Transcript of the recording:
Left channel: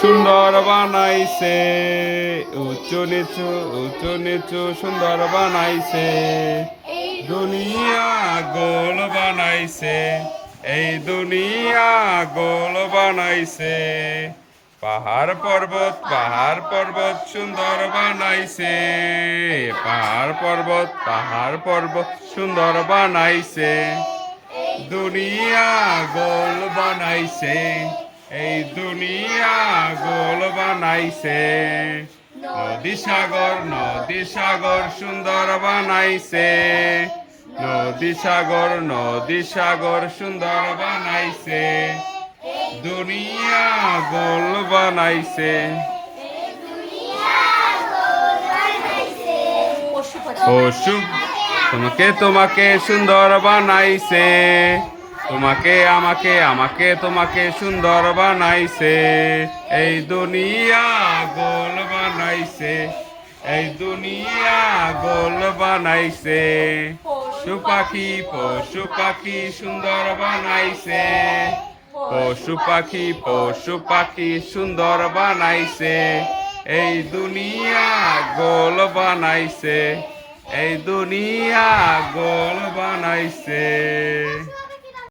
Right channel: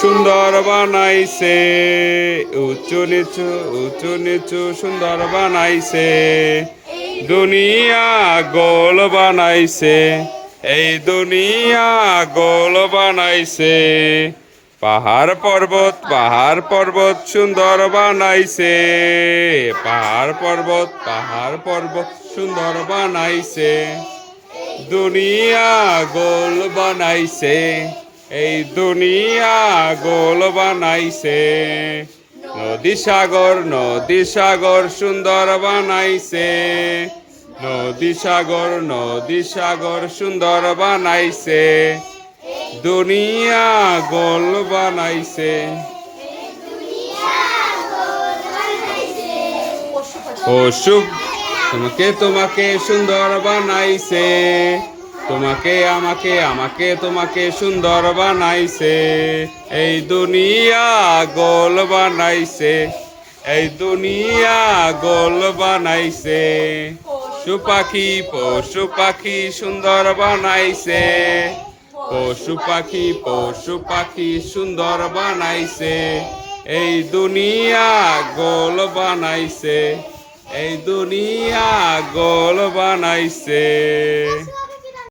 সুন্দর বানাইছে উঁচু নিচু সুন্দর বানাইছে দুনিয়া গোল বানাইছে এই দুনিয়া গোল বানাইছে পাহাড় পর্বত সুন্দর বানাইছে পাহাড় পর্বত সুন্দর বানাইছে দুনিয়া গোল বানাইছে এই দুনিয়া গোল বানাইছে নদী সাগর সুন্দর বানাইছে নদী সাগর সুন্দর বানাইছে দুনিয়া গোল বানাইছে পশু তোমাকে সুন্দর বানাইছে তোমাকে আমাকে সুন্দর বানাইছে এই দুনিয়া গোল বানাইছে এই দুনিয়া গোল বানাইছে পশু পাখি সুন্দর বানাইছে পশু পাখি সুন্দর বানাইছে এই দুনিয়া গোল বানাইছে এই দুনিয়া গোল বানাইছে